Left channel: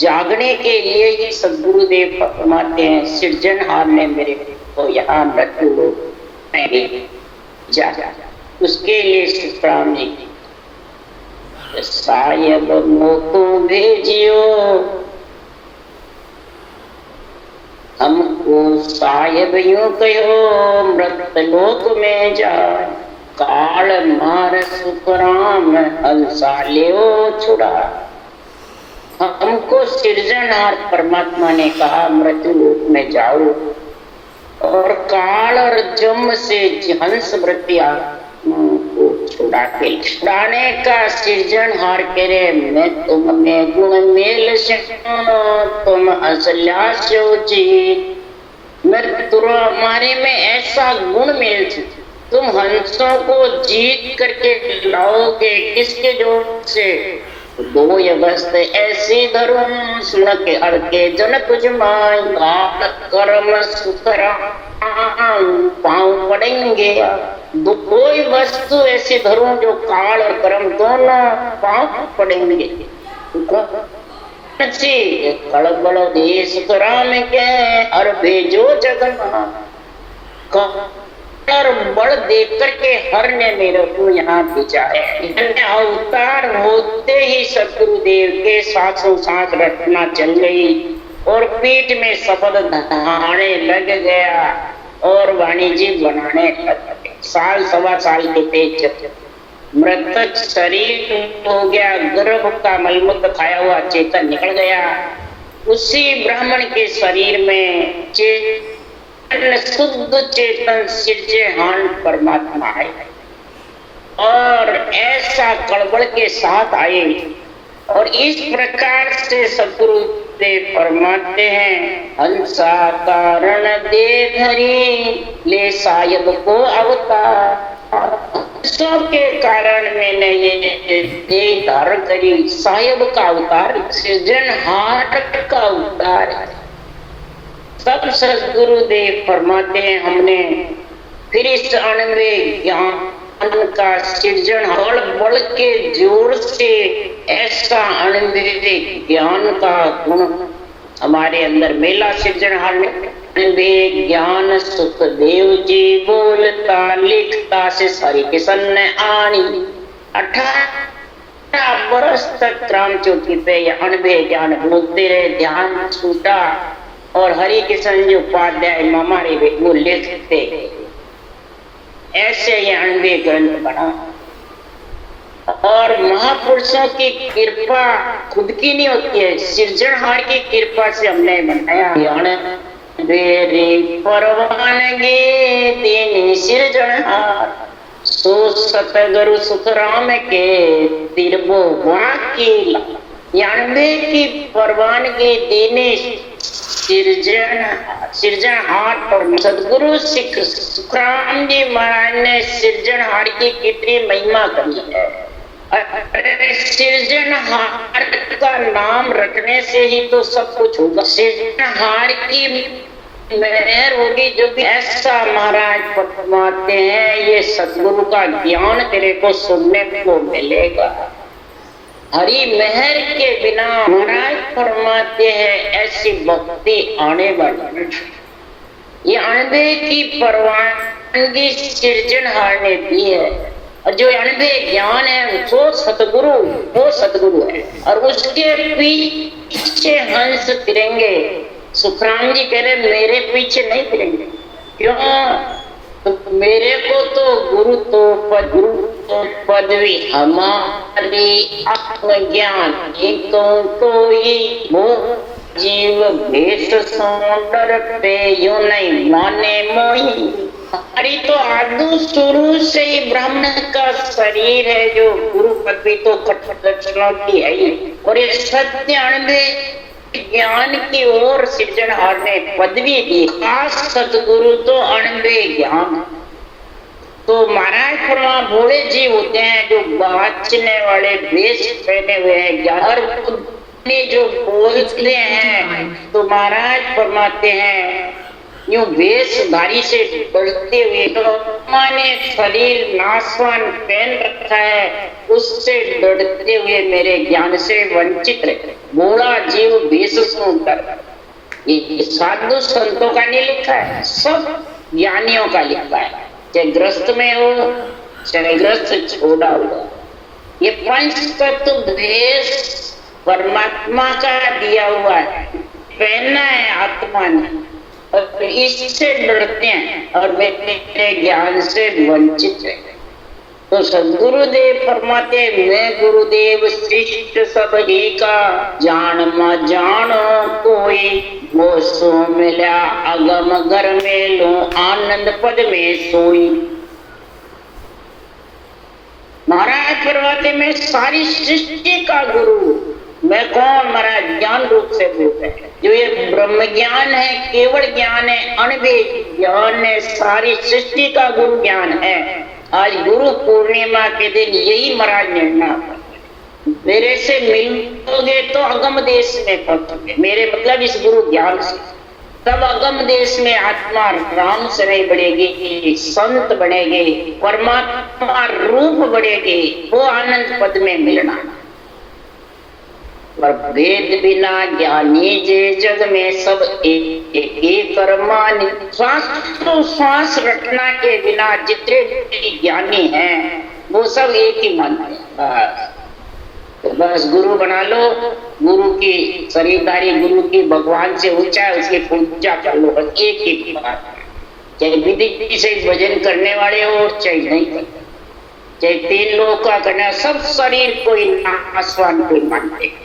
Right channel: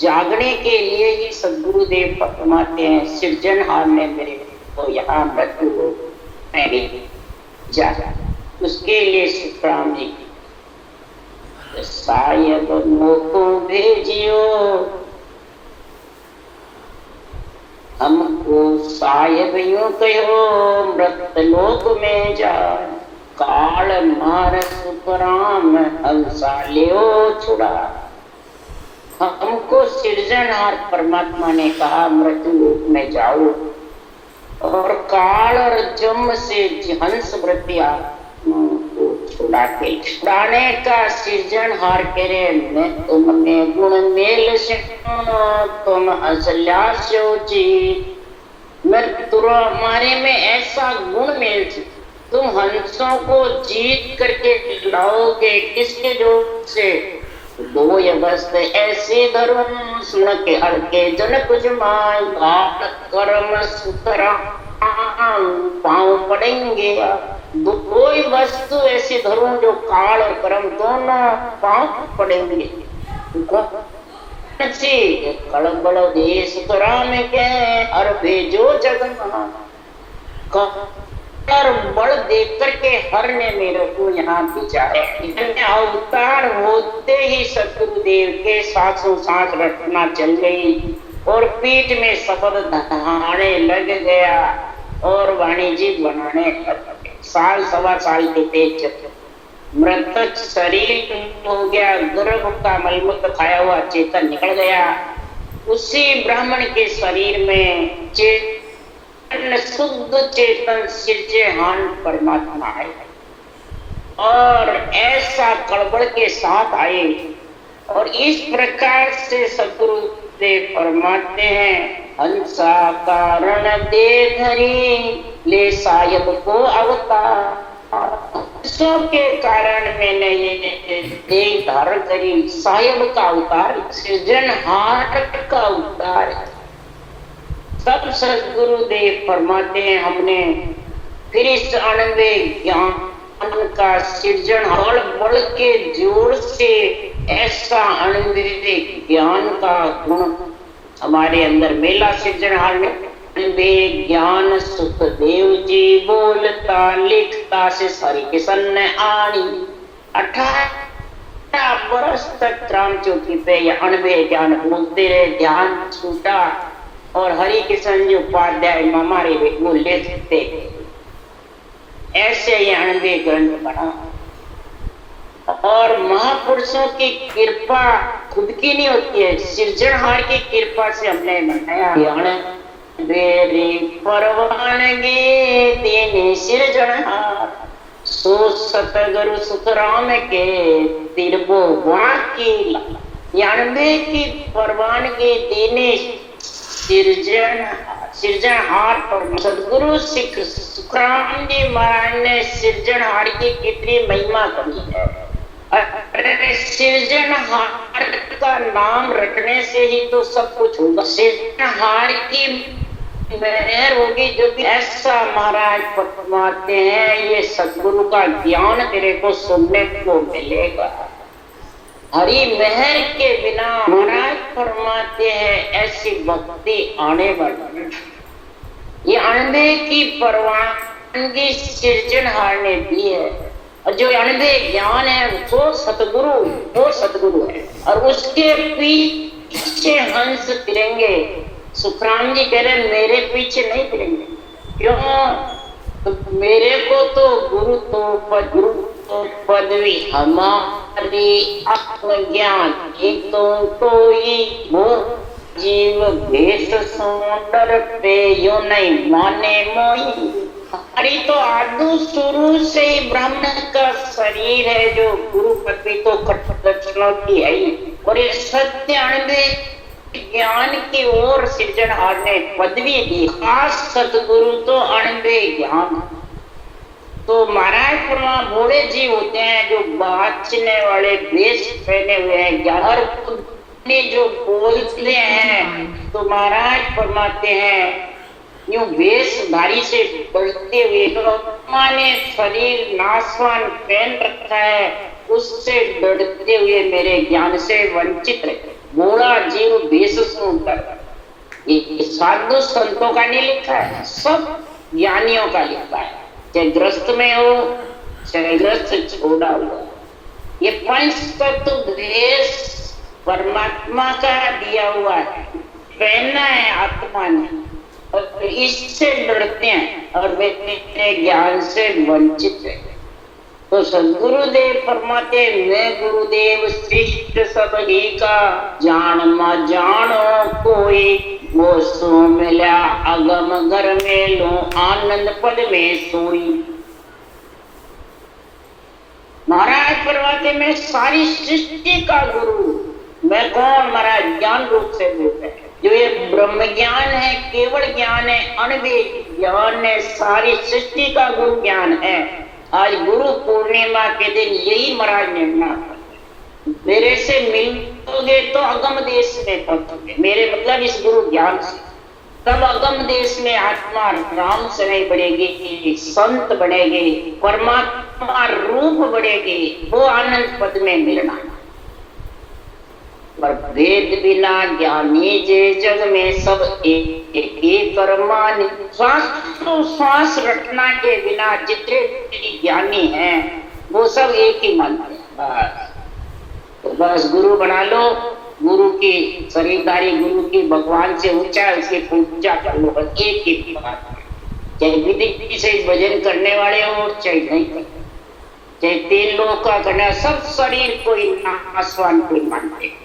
जागने के लिए ही सदगुरुदेव फरमाते हैं, सृजनहार ने मेरे को यहाँ मृत्यु में जागा। उसके लिए सुखराम जी सायब मोको भेजियो, हमको सायब यूं कहो मृत लोक में जा, काल मार सुखराम हंसा लियो छुड़ा। हमको सृजनहार परमात्मा ने कहा मृत्यु लोक में जाओ और काल और जम से हंस वृत्ति को छुड़ाने का सृजनहार करे, मैं तुम में गुण मेल से तुम असल्यास्यो जी। मैं तुम्हारे में ऐसा गुण मेल से तुम हंसों को जीत करके लाओगे। किसके जोर से? दो यवस्त ऐसे धर्म सुन के अड़के जन कुछ माई कर्म सुतरा पाँव पड़ेंगे। कोई वस्तु ऐसी धर्म जो काल और कर्म दोनों पाँव पड़ेंगे। कड़बड़ देश राम के और भेजो जगन्नाथ, और बल देख करके हर ने मेरे को यहाँ भेजा है। अवतार होते ही सतगुरुदेव के साथों साथ रटना चल गई और पीठ में सफल धनाने लग गया और वाणिज्य बनाने लग गए। साल सवा साल के तेज मृतक शरीर हो गया, गर्भ का मलमूत्र खाया हुआ चेतन निकल गया। उसी ब्राह्मण के शरीर में शुद्ध चेतन सृजनहार परमात्मा है और ऐसा कड़बड़ के साथ आए। और इस प्रकार से सदगुरुदेव फरमाते हैं, हंसा कारण दे धरी ले सायब को अवतार। हंसों के कारण मैंने ये देह धारण करी, सायब का अवतार, सृजनहार का अवतार। तब सदगुरुदेव फरमाते हैं, हमने फिर इस अणवे ज्ञान का सृजन और बल के जोर से ऐसा अणवे ज्ञान का गुण हमारे अंदर मेला। सृजनहार ने अणवे ज्ञान सुखदेव जी बोलता लिखता से सारी किसन ने आनी। 18 वर्ष तक राम चौकी पे ये अणवे ज्ञान बोलते रहे, ध्यान छूटा और हरि किशन जी उपाध्याय हमारे वो लिखते। ऐसे ये अणवे ग्रंथ बना और महापुरुषों की कृपा खुद की नहीं होती है, सृजनहार की कृपा से हमने बनाया। रे परवानगी तेने सृजनहार, सो सतगुरु सुखराम के तिरबो वाकी। अणवे की परवानगी देने सृजनहार पर सदगुरु सुखराम जी महाराज ने सृजनहार की कितनी महिमा करी है। सृजनहार का नाम रखने से ही तो सब कुछ होगा। सृजनहार की मेहर होगी जो भी ऐसा महाराज फरमाते हैं, ये सदगुरु का ज्ञान तेरे को सुनने को मिलेगा। हरि मेहर के बिना महाराज फरमाते हैं ऐसी भक्ति आने वाली। ये अणवे की परवानगी सृजनहार ने दी है और जो अणवे ज्ञान है वो सतगुरु है और उसके पीछे हंस फिरेंगे। सुखराम जी कह रहे मेरे पीछे नहीं फिरेंगे। क्यों? तो मेरे को तो गुरु तो पदवी हमारी आत्मज्ञान कोई जीव भेष सौंदर पे यो नहीं माने मोही। हमारी तो आदि शुरू से ही ब्राह्मण का शरीर है, जो गुरु पदवी तो कठोर की है ही। और ये सत्य अणवे ज्ञान की ओर सृजनहार ने पदवी दी, खास सतगुरु तो अणवे ज्ञान। तो महाराज फरमा भोले जी होते हैं जो बाचने वाले वेश पहने हुए हैं, ज्ञान जो बोलते हैं। तो महाराज फरमाते हैं यूं वेशधारी से डरते हुए, तो माने शरीर नासवान पहन रखा है, उससे डरते हुए मेरे ज्ञान से वंचित रहे। बूढ़ा जीव वेश सुनकर, ये साधु संतों का नहीं लिखा है, सब ज्ञानियों का लिखा है। चाहे ग्रस्त में हो, चाहे ग्रस्त छोड़ा हुआ, ये पंच तत्व भेष परमात्मा का दिया हुआ है, पहनना है आत्मा ने, और इससे लड़ते हैं और मेरे ज्ञान से वंचित है। तो सदगुरुदेव फरमाते, मैं गुरुदेव श्रेष्ठ सब ही का, जान म जानो कोई, वो सो मिला अगम घर में लो, आनंद पद में सोई। महाराज फरमाते, मैं सारी सृष्टि का गुरु। मैं कौन? महाराज ज्ञान रूप से बोलते हैं, जो ये ब्रह्म ज्ञान है, केवल ज्ञान है, अनवेद ज्ञान है, सारी सृष्टि का गुरु ज्ञान है। आज गुरु पूर्णिमा के दिन यही महाराज निर्णय, मेरे से मिलोगे तो अगम देश में पहुंचोगे, मेरे मतलब इस गुरु ज्ञान से, तब अगम देश में आत्मा राम से नहीं बढ़ेगी, संत बढ़ेगी, परमात्मा रूप बढ़ेगी, वो आनंद पद में मिलना। पर वेद बिना ज्ञानी जे जग में, सब एक कर्मानि। श्वास तो श्वास रटना के बिना जितने भी ज्ञानी हैं, वो सब एक ही मानते हैं। तो बस गुरु बना लो, गुरु की शरीरदारी, गुरु की भगवान से ऊंचा, उसकी पूजा कर लो, बस एक ही बात है। चाहे विधि से भजन करने वाले हो, चाहे नहीं करते, चाहे 3 लोग का करना, सब शरीर कोई नासवान कोई मानते हैं।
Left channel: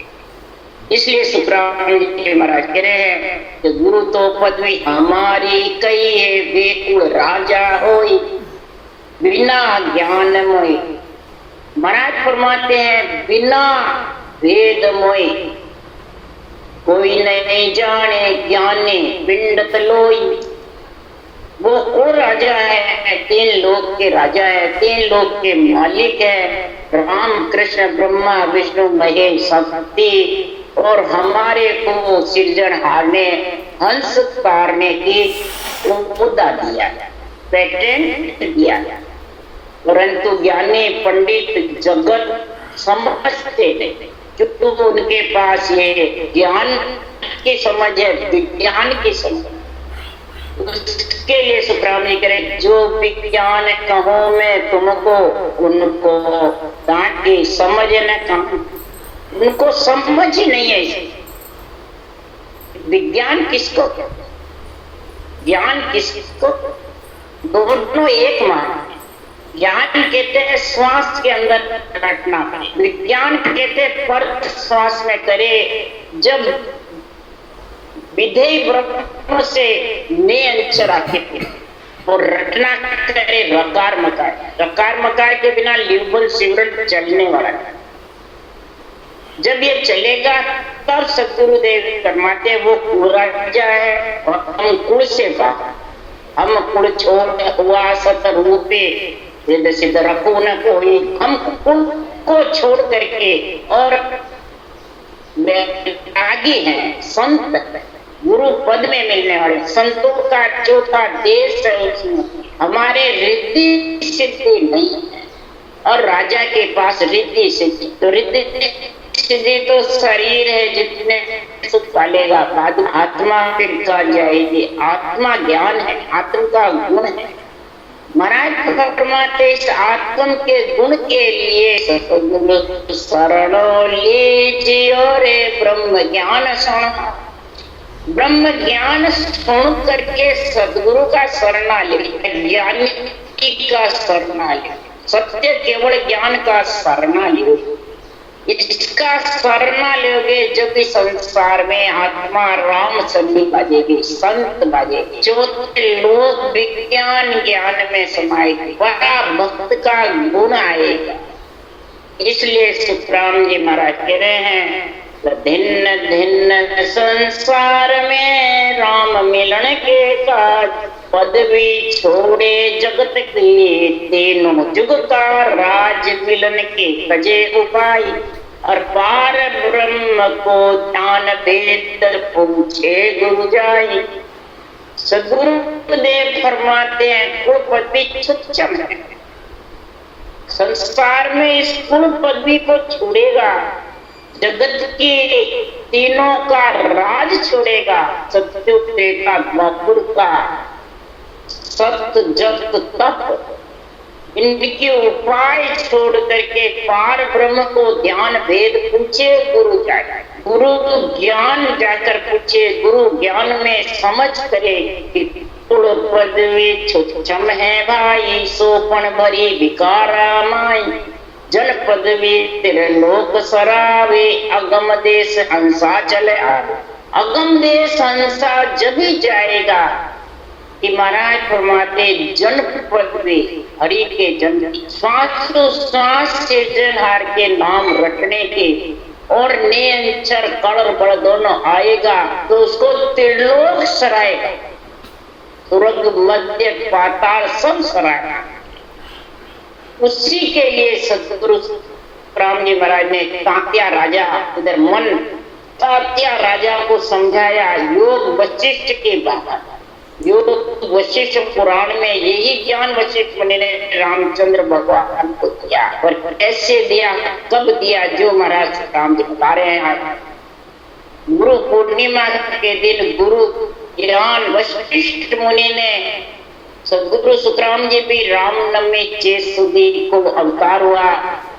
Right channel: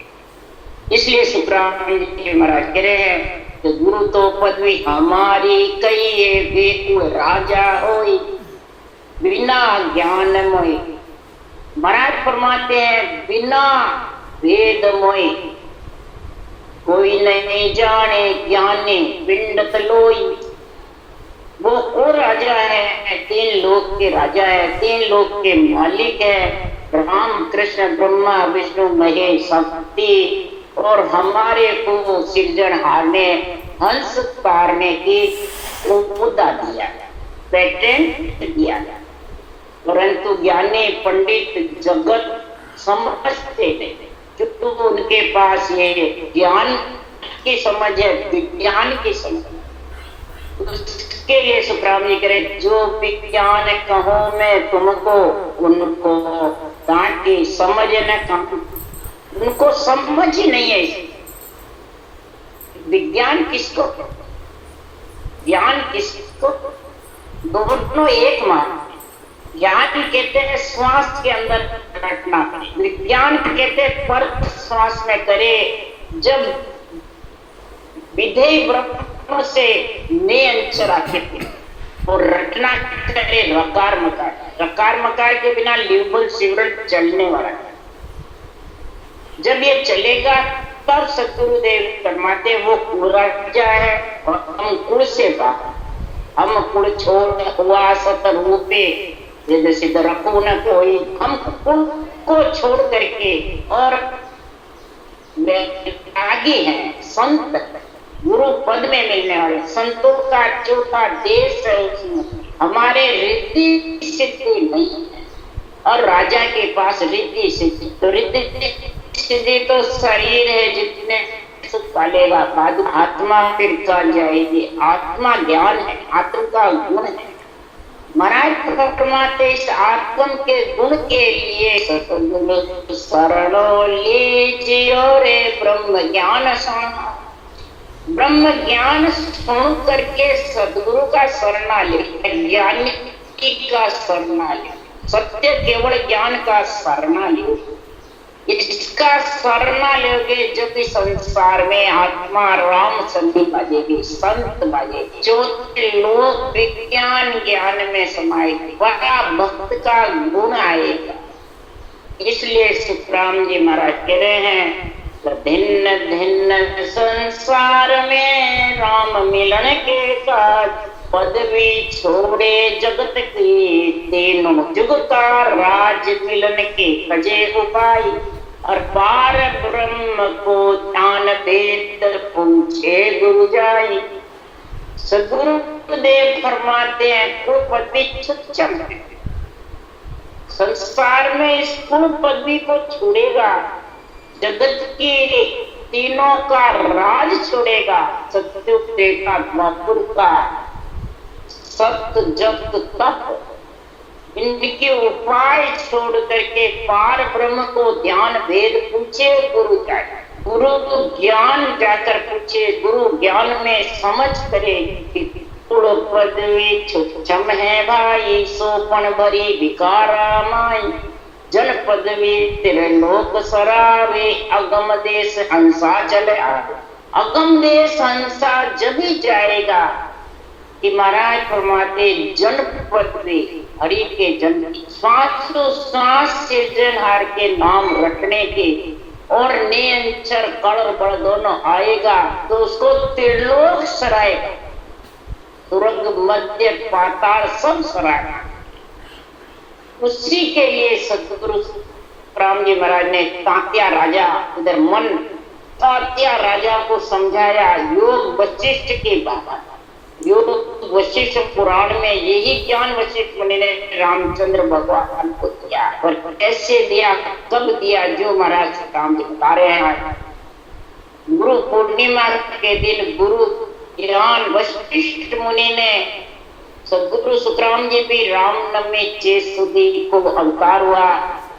इसलिए सुखराम जी महाराज कह रहे हैं कि गुरु तो पदवी हमारी कहिए, बेकुल राजा होई, बिना ज्ञान मोई। महाराज फरमाते हैं, बिना वेद मोई कोई नहीं जाने, ज्ञानी पिंड तलोई। वो राजा है, 3 लोक के राजा है, 3 लोक के मालिक है, राम कृष्ण ब्रह्मा विष्णु महेश शक्ति, और हमारे को सिरजनहार ने हंस तारने की मुद्दा दिया, पेटेंट दिया। परंतु ज्ञानी पंडित जगत समझते नहीं, क्योंकि उनके पास ये ज्ञान की समझ है, विज्ञान की समझ। उसके लिए सुखराम जी करे, जो विज्ञान कहूं मैं तुमको, उनको डांटे समझ न कहूं, उनको समझ ही नहीं है। विज्ञान किसको, ज्ञान किसको, दोनों एक मान। ज्ञान कहते हैं श्वास के अंदर रटना, विज्ञान कहते हैं पर श्वास में करे, जब विधेय ब्रह्म से नियंचरा के और रटना करे रकार मकार। रकार मकार के बिना लिवल सिवरण चलने वाला है। जब ये चलेगा तब सदगुरुदेव फरमाते, वो राजा है और हम कुल से बाहर, हम कुल छोड़ हुआ सत रूपे सिद्ध सिद्ध रखू न कोई, हम कुल को छोड़ करके और आगे हैं संत, गुरु पद में मिलने वाले संतों का चौथा देश है। उसमें हमारे रिद्धि सिद्धि नहीं है, और राजा के पास रिद्धि सिद्धि, तो रिद्धि सिद्धि तो शरीर है, जितने सुख पालेगा, आत्मा फिर कहाँ जाएगी। आत्मा ज्ञान है, आत्मा का गुण है। महाराज फरमाते, इस आत्म के गुण के लिए सतगुरु शरणो लीजियो रे ब्रह्म ज्ञान शरण। ब्रह्म ज्ञान सुन करके सदगुरु का शरणा ले, ज्ञानी का शरणा ले, सत्य केवल ज्ञान का शरणा ले। इसका शरणा लोगे जब भी संसार में आत्मा राम सभी बाजेगी, संत बाजेगी, जो लोग विज्ञान ज्ञान में समाएगी, बड़ा भक्त का गुण आएगा। इसलिए सुखराम जी महाराज कह रहे हैं, भिन्न भिन्न संसार में राम मिलन के काज, पदवी छोड़े जगत के तीनों जुग का राज, मिलन के कजे उपाय, और पार ब्रह्म को ज्ञान वेद पूछे गुरु जाई। सद्गुरुदेव फरमाते हैं को पदवी तुच्छम है, संसार में इस कुल पदवी को छोड़ेगा, जगत की तीनों का राज छोड़ेगा, सत्युग त्रेता द्वापर का सत्य जप तप इनके उपाय छोड़ करके पार ब्रह्म को ध्यान भेद पूछे गुरु जाए, गुरु ज्ञान जाकर पूछे, गुरु ज्ञान में समझ करे पदवी छुच्छम है भाई, सोपन भरी विकारा माई, जन पदवी तेरे लोक सरावे, अगम देश हंसा चले आवे। अगम देश हंसा जब ही जाएगा कि महाराज फरमाते जन पदवी हरि के जन, श्वास से जनहार के नाम रटने के और नियंचर कड़ बड़ दोनों आएगा तो उसको त्रिलोक सराएगा, स्वर्ग मध्य पाताल सब सराएगा। उसी के लिए सतगुरु राम जी महाराज ने तात्या राजा इधर मन तात्या राजा को समझाया योग वशिष्ठ की बात, योग वशिष्ठ पुराण में यही ज्ञान वशिष्ठ मुनि ने रामचंद्र भगवान को दिया, और कैसे दिया कब दिया जो महाराज राम जी बता रहे हैं। गुरु पूर्णिमा के दिन गुरु ज्ञान वशिष्ठ मुनि ने, सदगुरु सुखराम जी भी रामनवमी 6 सुदी को अवतार हुआ,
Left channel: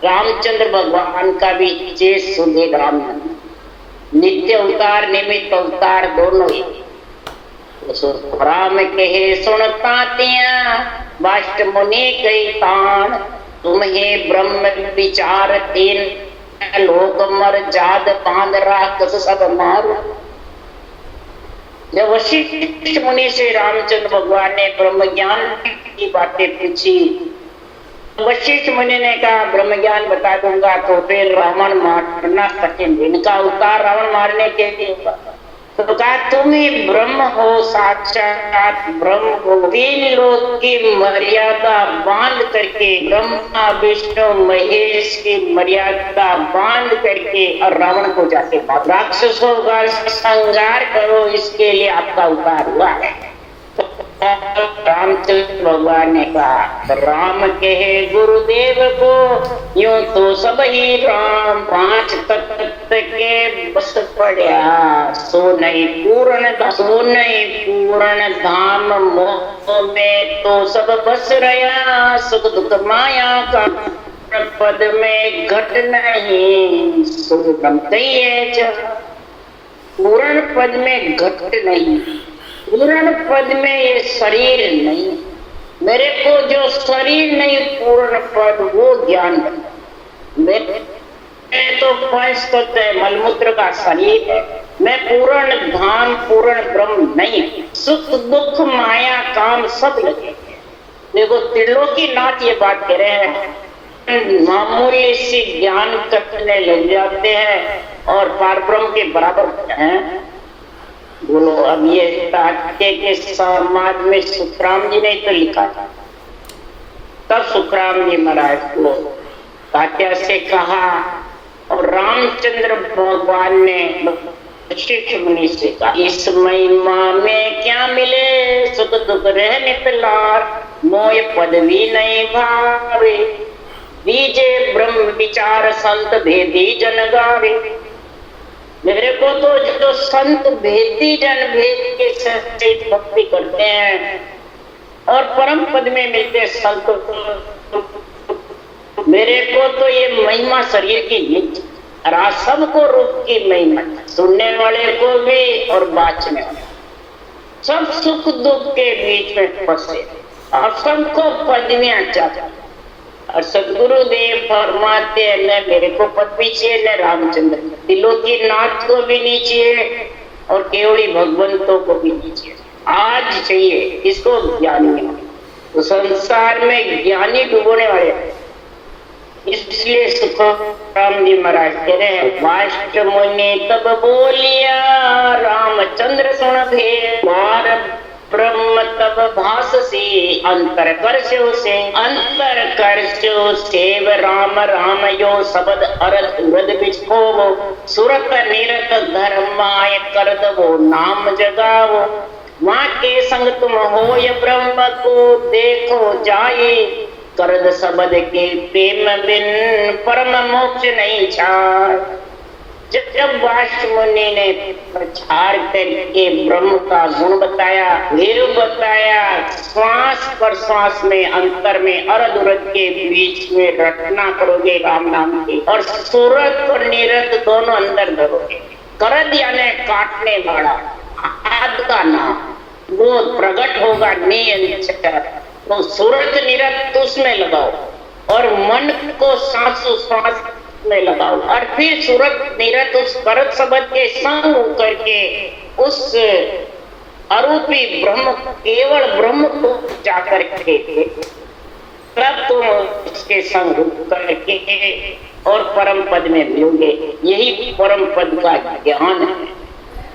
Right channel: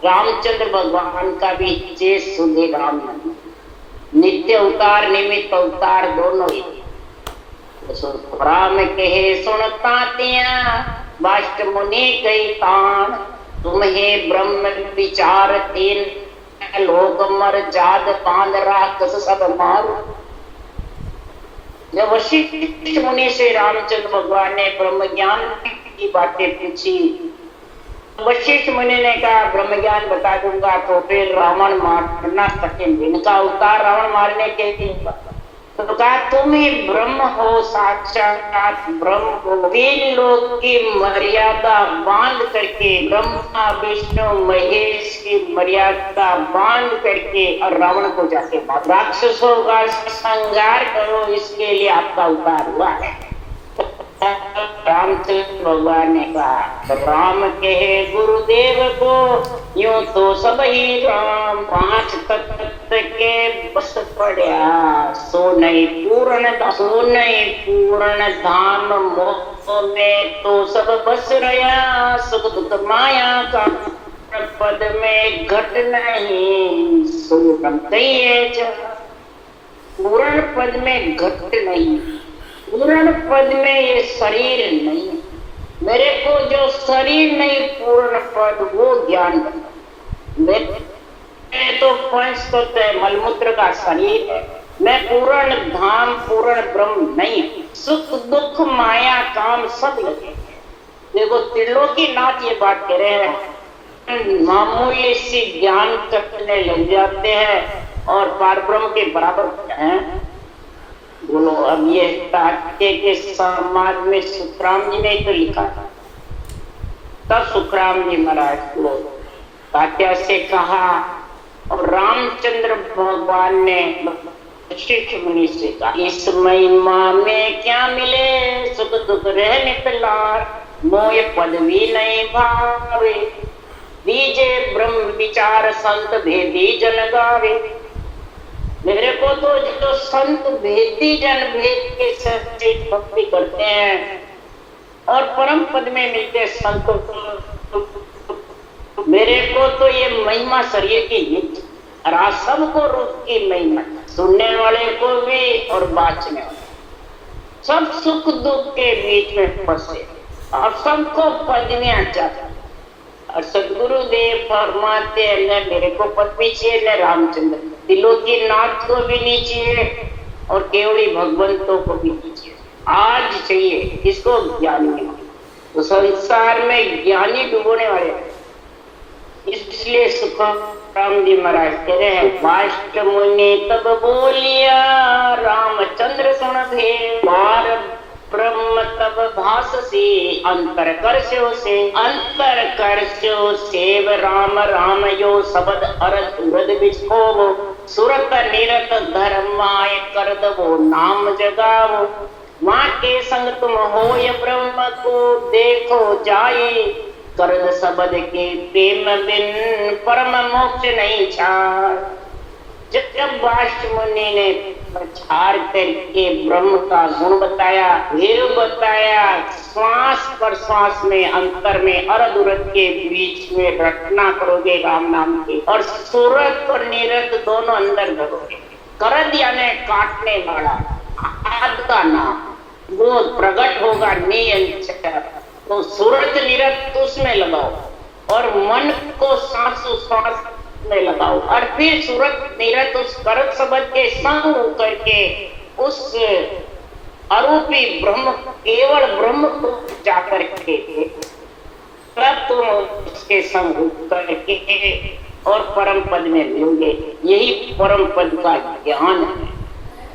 रामचंद्र भगवान का भी 6 सुदी रामनवमी, नित्य अवतार निमित्त अवतार दोनों ही। राम कहे सुनता तिया वाष्ट मुनि कई तान, तुम्हें ब्रह्म विचार तीन, लोक मर जाद पांद राक्षस सब मारू। जब वशिष्ठ मुनि से रामचंद्र भगवान ने ब्रह्म ज्ञान की बातें पूछी, वशिष्ठ मुनि ने कहा ब्रह्म ज्ञान बता दूंगा तो फिर रावण मारना कठिन, इनका अवतार रावण मारने के लिए। तो कहा तुम ही ब्रह्म हो, साक्षात ब्रह्म हो, 3 लोक की मर्यादा बांध करके, ब्रह्मा विष्णु महेश की मर्यादा बांध करके और रावण को जाके राक्षसों का संहार करो, इसके लिए आपका अवतार हुआ है। रामचंद्र भगवान ने कहा राम कहे गुरुदेव को यूं तो सब ही राम, 5 तत्व के बस पड़ा, सो नहीं पूर्ण धाम, मोह में तो सब बस रहा, सुख दुख माया का पद में घट नहीं, सुख पूर्ण पद में घट नहीं, पूर्ण पद में ये शरीर नहीं, मेरे को जो शरीर नहीं पूर्ण पद वो ज्ञान मेरे तो 5 तत्व है, मलमूत्र का शरीर है, मैं पूर्ण धाम पूर्ण ब्रह्म नहीं, सुख दुख माया काम सब लगे। देखो त्रिलोकी नाथ ये बात कह रहे हैं, मामूली सी ज्ञान करने लग जाते हैं और पारब्रह्म के बराबर हैं। बोलो अब ये तात्या के समाज में सुखराम जी ने तो लिखा था, तब सुखराम जी महाराज को तात्या से कहा और रामचंद्र भगवान ने वशिष्ठ मुनि से कहा इस महिमा में क्या मिले, सुख दुख रहने पिलार, मोय पदवी नहीं भावे, दीजे ब्रह्म विचार संत भेदी जन गावे। मेरे को तो जो संत भेदी जन भेद के सच्ची भक्ति करते हैं और परम पद में मिलते संत, मेरे को तो ये महिमा शरीर की सबको रूप की महिमा, सुनने वाले को भी और बाँचने वाले, सब सुख दुख के बीच में फंसे और सबको पदवियां चाहते। और सदगुरुदेव फरमाते हैं न मेरे को पदवी चाहिए न रामचंद्र, दिलों की नाथ को भी नहीं चाहिए और केवली भगवंतों को भी नहीं चाहिए, आज चाहिए इसको ज्ञानी। तो संसार में ज्ञानी डूबने वाले, इसलिए सुखराम जी महाराज कह रहे हैं वाष्ट मुनि तब बोलिया, रामचंद्र सुन भेद, ब्रह्म तब भाससी, अंतर करस्यो सेव राम राम यो शब्द अरद उरद बिछो, सुरत निरत धर्माय कर दो नाम जगाओ, माँ के संग तुम हो ये ब्रह्म को देखो जाए, करद शब्द के प्रेम बिन परम मोक्ष नहीं छाए। जब वाष्ट मुनि ने प्रचार करके ब्रह्म का गुण बताया, वेद बताया, श्वास पर श्वास में अंतर में अर्ध उरध के बीच में रटना करोगे राम नाम की, और सूरत और निरत दोनों अंदर धरोगे। करद यानी काटने वाला, आद का नाम वो प्रकट होगा नियंत्रण, तो सूरत निरत उसमें लगाओ और मन को सांसों श्वास में लगाओ, और फिर सूरत निरत उस करत शब्द के संग होकर के उस अरूपी ब्रह्म, केवल ब्रह्म को जाकर के तब तुम उसके संग होकर के और परम पद में मिलोगे। यही परम पद का ज्ञान है।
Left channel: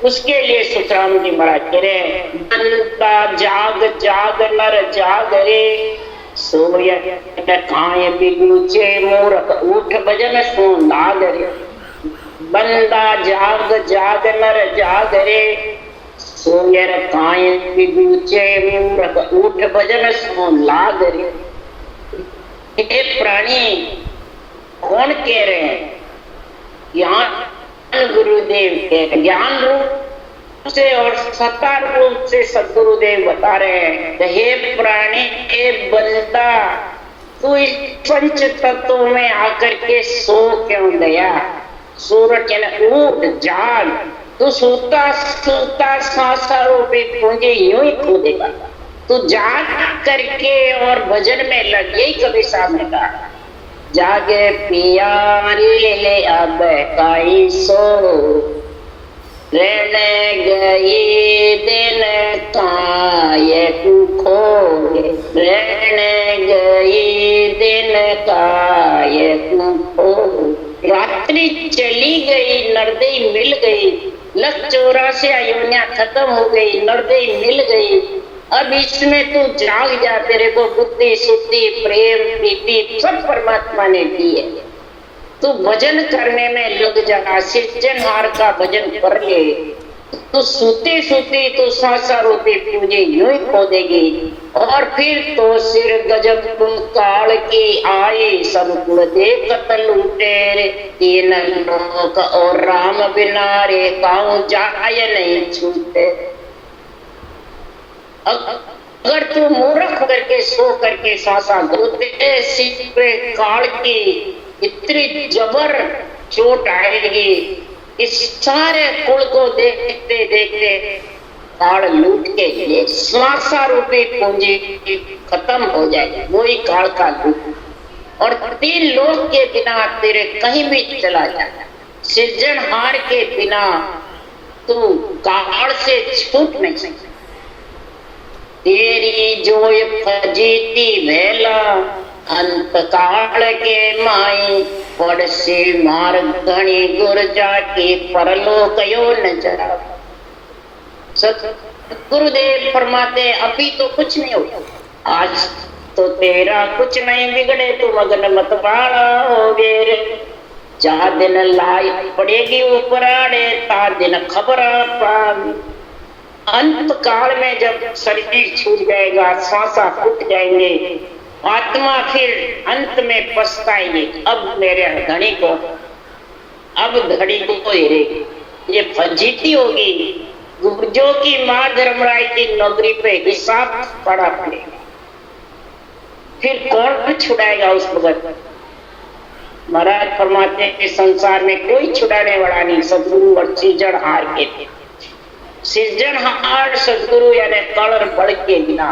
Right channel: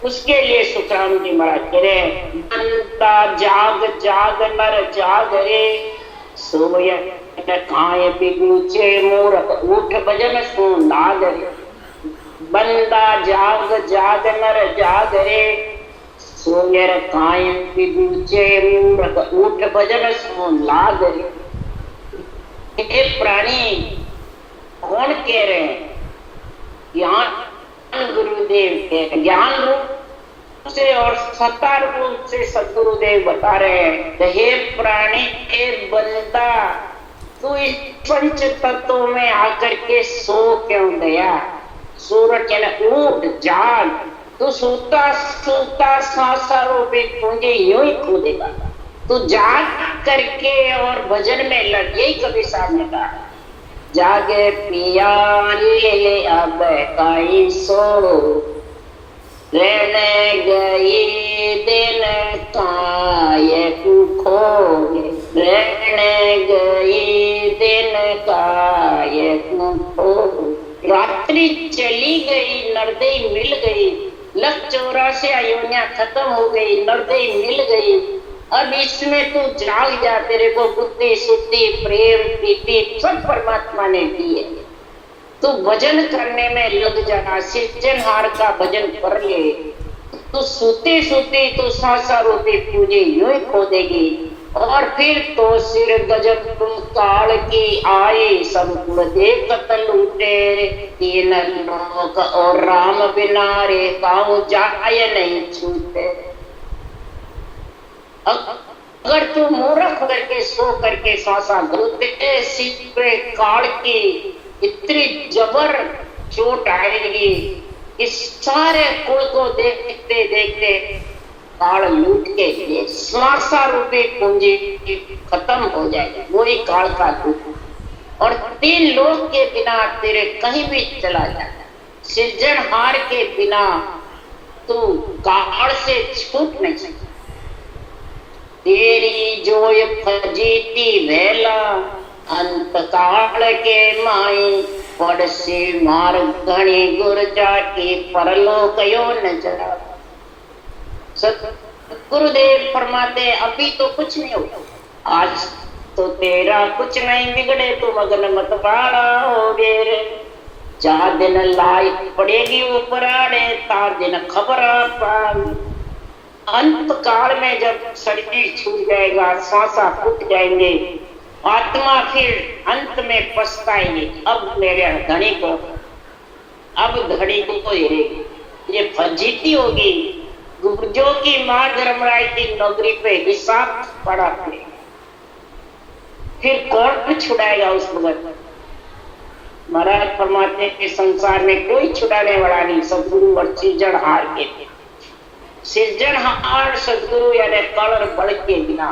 उसके लिए सुखराम जी महाराज कह रहे हैं, बंदा जाग जाग नर जाग रे, सोय खाए बिगुचे मूर्ख उठ भजन सो नाग रे। बंदा जाग जाग नर जाग रे, सोय खाए बिगुचे मूर्ख उठ भजन सो नाग रे। ये प्राणी कौन कह रहे हैं? ज्ञान गुरुदेव के ज्ञान रूप से और सत्ता रूप से सदगुरुदेव बता रहे हैं, हे प्राणी, हे बंदा, तू इस पंच तत्वों में आकर के सो क्यों गया? सूरज उठ जाग, तू सोता सोता सांसा रूपी पूंजी यूं ही खो देगा। तू जाग करके और भजन में लग, यही कभी सामने कहा, जागे पिया रे अब काई सो, रहने गई दिन काय खोए, रहने गई दिन काय खोए। रात्रि चली गई, नरदेई मिल गई, लख 84 अयोनिया खत्म हो गई, नरदेई मिल गई। अब इसमें तू जाग जा, तेरे को बुद्धि शुद्धि प्रेम प्रीति सब परमात्मा ने दी है। तू भजन करने में लग जा, सृजनहार का भजन कर ले। तो सोते सोते तो सांसा रूपी पूंजी यूं ही खो देगी, और फिर तो सिर गजब तुम काल की आए, सब कुल देख लूटे रे, तीन लोक और राम बिना रे, गाँव जाय नहीं छूटे। अगर तू मूर्ख करके सो करके सांसा घोते, सिर पे काल की इतनी जबर चोट आएगी, इस सारे कुल को देखते देखते काल लूट के लिए श्वासा रूपी पूंजी खत्म हो जाएगी, वही काल का लूट। और 3 लोग के बिना तेरे कहीं भी चला जाता, सृजनहार के बिना तू काल से छूट नहीं सकता। तेरी जोय फजीती भेला, अंत काल के माई, पड़से मार घणी गुर जाके परलोक यो न जरा। गुरुदेव फरमाते अभी तो कुछ नहीं हुआ, आज तो तेरा कुछ नहीं बिगड़े, तू मगन मत पारा हो गे। जा दिन लाई पड़ेगी ऊपर आड़े, ता दिन खबर अंत काल में जब शरीर छूट जाएगा, सांसा फूट जाएंगे, आत्मा फिर अंत में पछताएगी, अब मेरे धनी को, अब धनी को हेरेगी, ये फजीती होगी। गुर्जों की माँ धर्मराय की नौकरी पे हिसाब पड़ा पड़ेगा, फिर कौन छुड़ाएगा उस भगत? महाराज फरमाते हैं कि संसार में कोई छुड़ाने वाला नहीं, सदगुरु और सृजनहार के थे। सृजनहार सदगुरु यानी कलर बढ़ के बिना,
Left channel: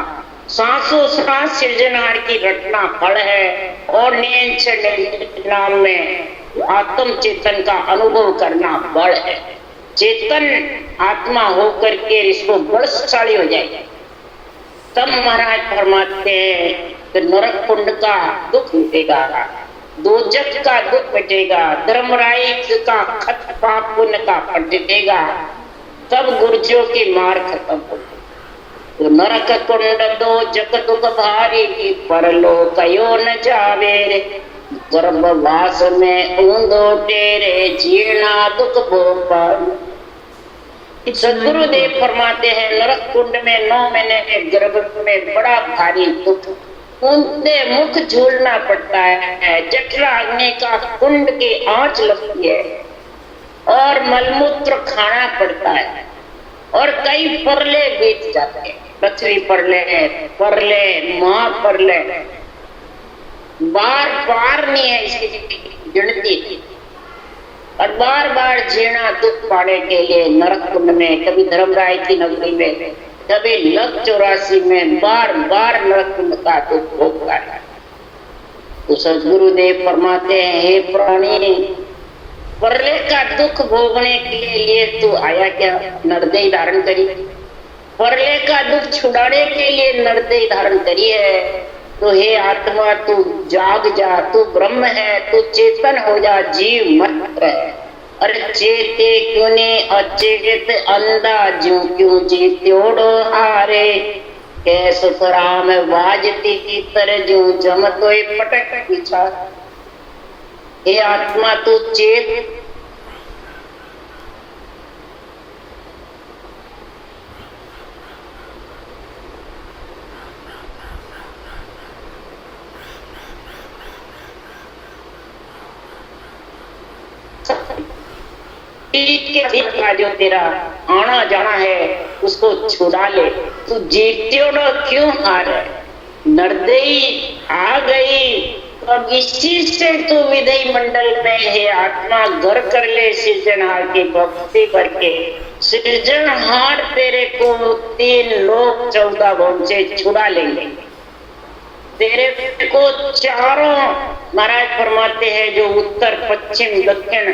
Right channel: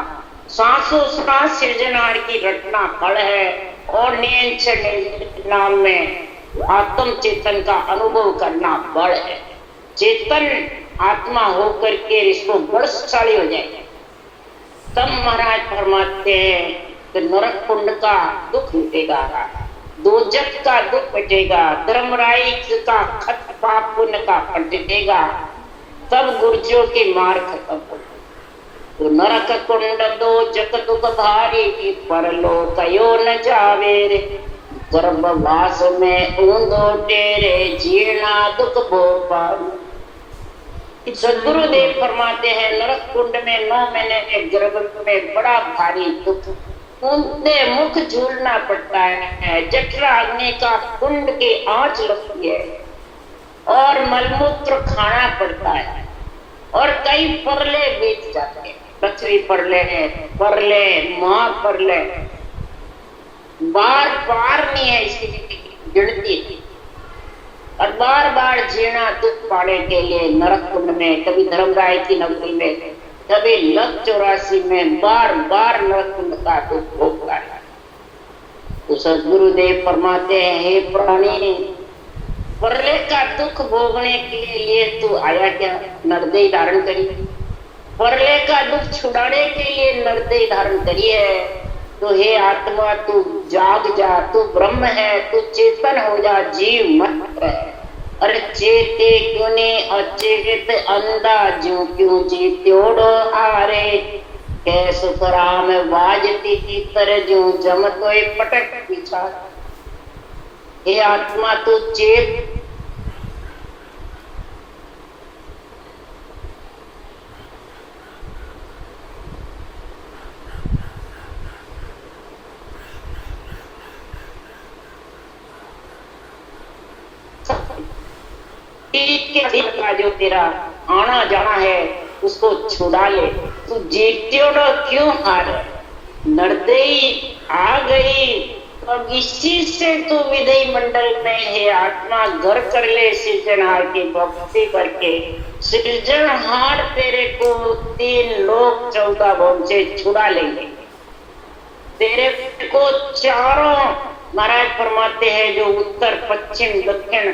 सांसों सांस सृजनहार की रटना फल है, और नियंत्रण नाम में आत्म चेतन का अनुभव करना बल है। चेतन आत्मा होकर के इसको बलशाली हो जाएगा, तब महाराज फरमाते हैं कि नरक कुंड का दुख मिटेगा, दोजख का दुख मिटेगा, धर्मराय का खत पाप पुण्य का पलटेगा, तब गुर्जों की मार खत्म होगी। तो नरक कुंड दोजख दुख भारी, परलोक यो न जावे रे, गर्भवास में ऊंधो तेरे जीना दुख भोपाल। सदगुरुदेव फरमाते हैं नरक कुंड में 9 महीने के गर्भ में बड़ा भारी दुख, उनसे मुख झूलना पड़ता है, जठरा अग्नि का कुंड की आंच लगती है और मलमूत्र खाना पड़ता है और कई परले बीत जाते हैं, बछड़ी परले परले मां परले, बार बार नहीं है इसकी गिनती, और बार बार जीना दुख पाने के लिए नरक कुंड में, कभी धर्मराय की नगरी में, कभी लक 84 में बार बार नरक कुंड का दुख भोगता है। तो सदगुरुदेव फरमाते हैं हे प्राणी, परले का दुख भोगने के लिए तू आया क्या? नरदेह धारण करी। परले का दुख छुड़ाने के लिए नरदेह धारण करी है। तो हे आत्मा तू जाग जा, तू ब्रह्म है, तू चेतन हो जा, जीव मत रहे। अरे चेते क्यों ने अचेत अंधा ज्यों क्यों जीत्योड़ो हारे, कैसो राम वाजती की तरह ज्यों जम तोय पटक पीछा। हे आत्मा तू चेत, का जो तेरा आना जाना है उसको छुड़ा ले। तू जीत्योड़ो क्यों हार, नरदेही आ गई, अब इसी से तू विधेय मंडल में है आत्मा घर कर ले सृजनहार की भक्ति करके। सृजनहार तेरे को 3 लोक 14 भोग से छुड़ा लेंगे। तेरे को चारों महाराज फरमाते हैं जो उत्तर पश्चिम दक्षिण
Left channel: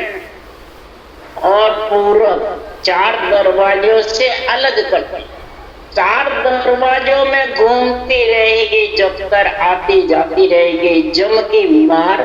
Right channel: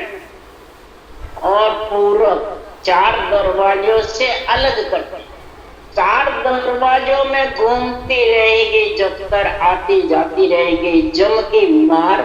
और पूर्व 4 दरवाजों से अलग करते, 4 दरवाजों में घूमती रहेगी जब तक आती जाती रहेगी। जम की मार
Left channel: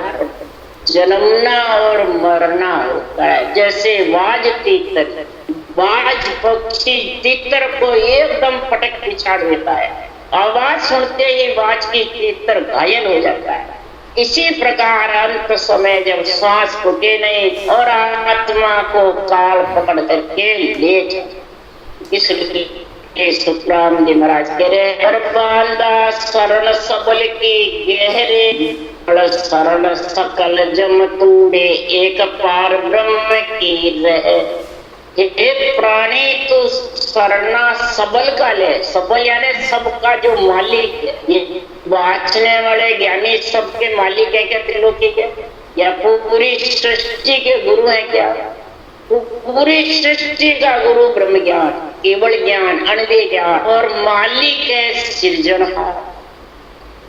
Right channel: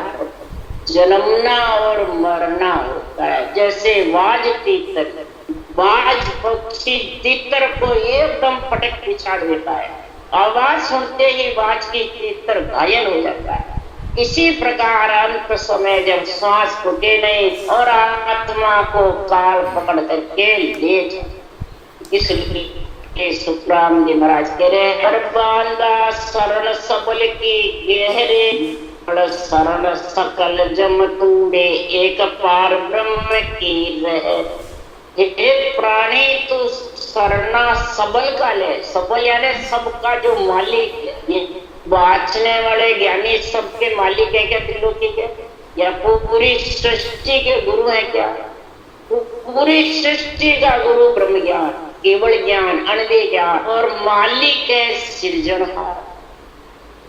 जन्मना और मरना होता है। जैसे बाज तीतर, बाज पक्षी तीतर को एकदम पटक पिछाड़ देता है, आवाज सुनते ही बाज की तीतर घायल हो जाता है। इसी प्रकार अंत समय जब सांस फूटे नहीं और आत्मा को काल पकड़ करके ले जाए, इसलिए सुखराम जी महाराज कह रहे हैं शरण सबल की गहरे शरण सकल जम तुम्बे एक पार ब्रह्म की रहे। हे प्राणी तू शरणा सबल का ले, सबल यानी सबका जो मालिक है, ये वाचने वाले ज्ञानी सबके मालिक है क्या? त्रिलोकी के या पूरी सृष्टि के गुरु है क्या? पूरी सृष्टि का गुरु ब्रह्म ज्ञान, केवल ज्ञान, अनदे ज्ञान और मालिक है सृजनहार।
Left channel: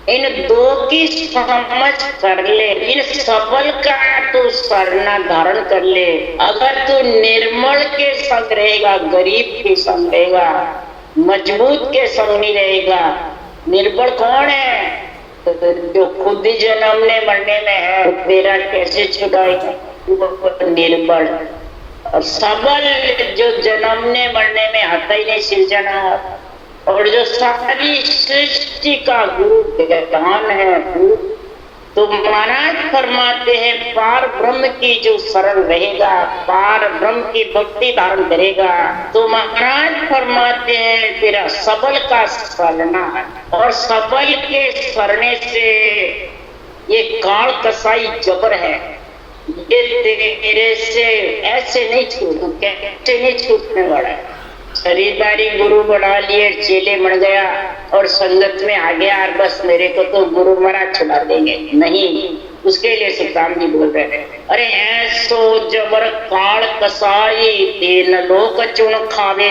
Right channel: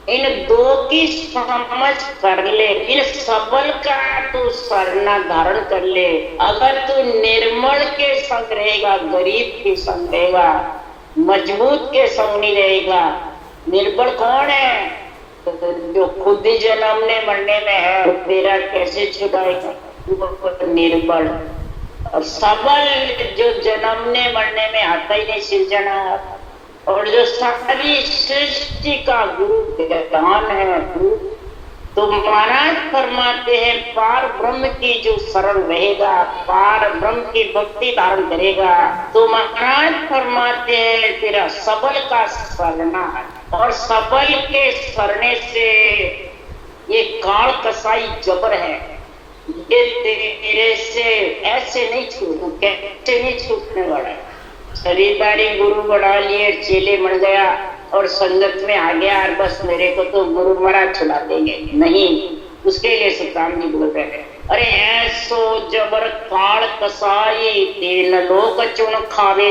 इन 2 की समझ कर ले, इन सबल का तू शरणा धारण कर ले। अगर तू निर्मल के संग रहेगा, गरीब के संग रहेगा, मजबूत के संग नहीं रहेगा। निर्बल कौन है? तो जो खुद ही जन्मने मरने में है, तेरा कैसे छुड़ाएगा? निर्बल। और सबल जो जन्मने मरने में आता ही नहीं, सृजनहार, और जो सारी सृष्टि का गुरु ज्ञान है। तो महाराज फरमाते हैं पार ब्रह्म की जो शरण रहेगा, पार ब्रह्म की भक्ति धारण करेगा, तो महाराज फरमाते हैं तेरा सबल का शरणा है। और सबल के शरणे से ये काल कसाई जबर है, ये तेरे से ऐसे नहीं छूटू, कैसे नहीं छूटने वाला है। खरीदारी गुरु बना लिए, चेले बन गया और संगत में आ गया और बस मेरे को तो गुरु महाराज छुड़ा देंगे, नहीं। उसके लिए सुखराम जी बोल रहे हैं अरे ऐसो जबर काल कसाई तेन लोक चुन खावे,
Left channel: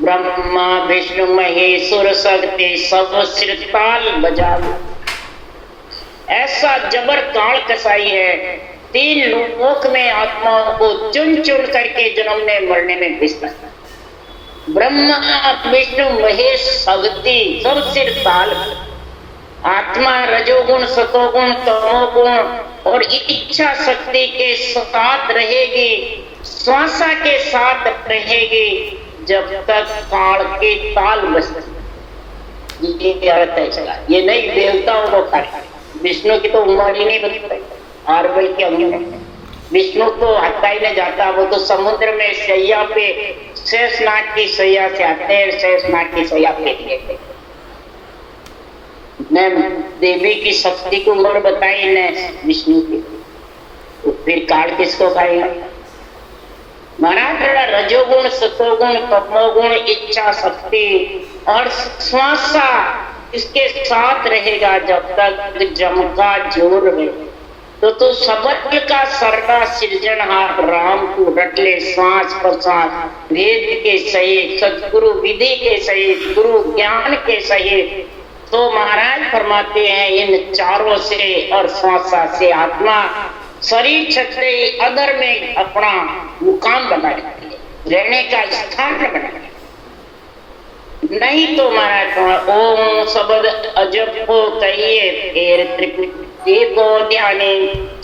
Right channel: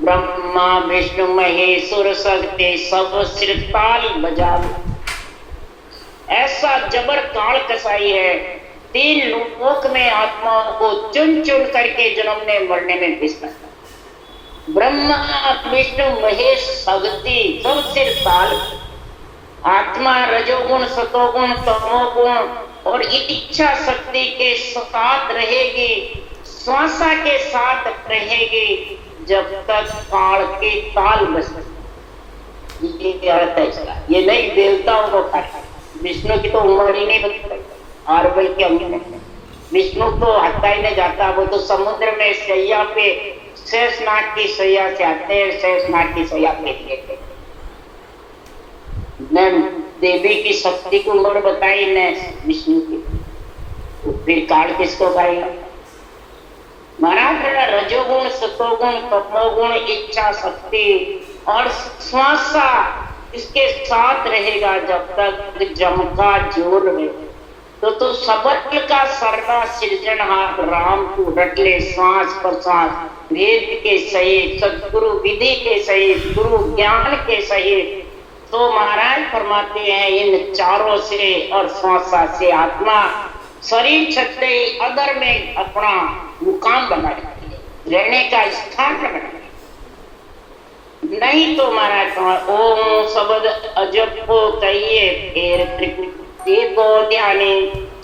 ब्रह्मा विष्णु महेश्वर शक्ति सब सिरताल बजावे। ऐसा जबर काल कसाई है, 3 लोक में आत्माओं को चुन चुन करके जन्मने मरने में व्यस्त है। ब्रह्मा विष्णु महेश शक्ति सब सिर ताल, आत्मा रजोगुण सतोगुण तमोगुण और इच्छा शक्ति के साथ रहेगी, श्वासा के साथ रहेगी जब तक काल के ताल बजते। ये अर्थ है इसका, ये नहीं देवताओं को खाए। विष्णु की तो उम्र ही नहीं बनती, और बल्कि विष्णु को हत्या ही नहीं जाता, वो तो समुद्र में शैया पे शेषनाग की सैया से आते हैं, शेषनाग की सैया फेंक देते। न देवी की शक्ति को और बताई न विष्णु की, तो फिर काल किसको खाएगा? महाराज रजोगुण, सतोगुण, तमोगुण, इच्छा शक्ति और श्वासा इसके साथ रहेगा जब तक जम का जोर है। तो सबल का सर्वा सृजनहार राम को रट ले श्वास प्रश्वास, वेद के सहित, सदगुरु विधि के सहित, गुरु ज्ञान के सहित। तो महाराज फरमाते हैं इन चारों से और श्वासा से आत्मा शरीर छत्ते अदर में अपना मुकाम बनाए, रहने का स्थान बनाए। नहीं तो महाराज ओम शब्द अजब हो कहिए फिर त्रिपुटी को ध्याने,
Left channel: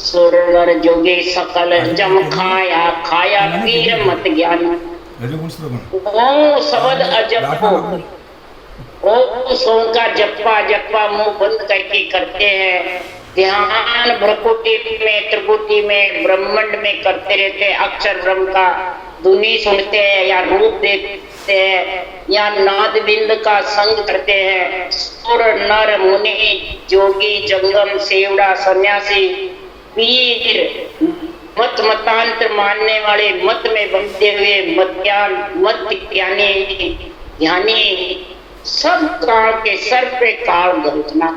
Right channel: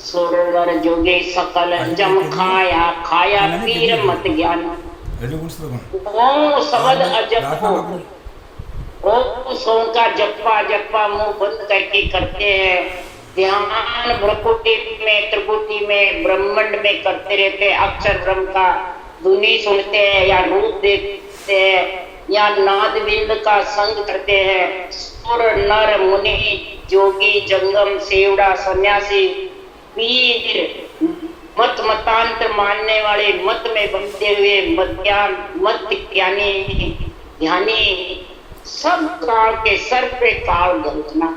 सुरवर जोगे सकल जम खाया, खाया पीर मत ज्ञान। ओम शब्द अजब हो, ओम सोम का जप्पा जप्पा मुंह बंद करके करते हैं, ध्यान भ्रकुटी में त्रिपुटी में ब्रह्मांड में करते रहते हैं। अक्षर ब्रह्म का धुनी सुनते हैं या रूप देखते हैं या नाद बिंद का संग करते हैं। सुर नर मुनि जोगी जंगम सेवड़ा सन्यासी पीर मत मतांतर मानने वाले मत में बंधे हुए मध्यान मत ज्ञानी ध्यानी सब काल के सर पे काल गरजना।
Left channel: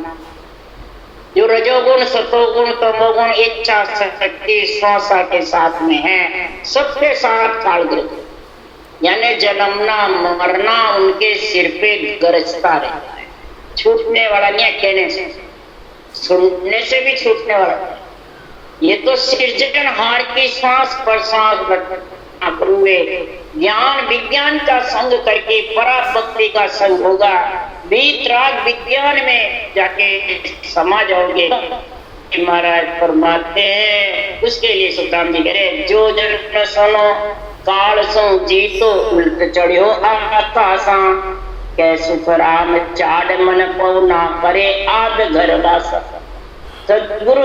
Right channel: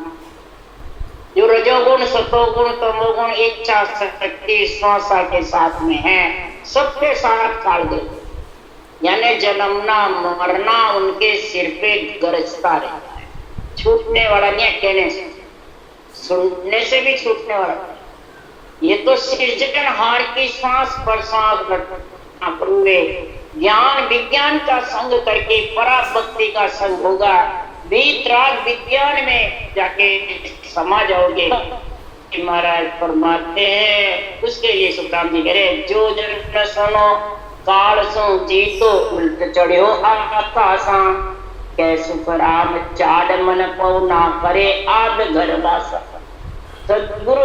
जो रजोगुण सतोगुण तमोगुण इच्छा शक्ति श्वासा के साथ में है, सबके साथ काल गरज, यानी जन्मना मरना उनके सिर पे गरजता रहता है। छूटने वाला नहीं, कहने से सुनने से भी छूटने वाला। ये तो सृजनहार की श्वास प्रश्वास हुए ज्ञान विज्ञान का संग करके पराभक्ति का संग होगा। वीतराग विज्ञान में जाके समा जाओगे। महाराज फरमाते हैं उसके लिए सुखराम जी कह रहे जो जन सुनो काल सो जीतो उल्ट चढ़ियो आकाशा, कै सुख राम चाड़ मन को ना करे आद घर वासा। सदगुरु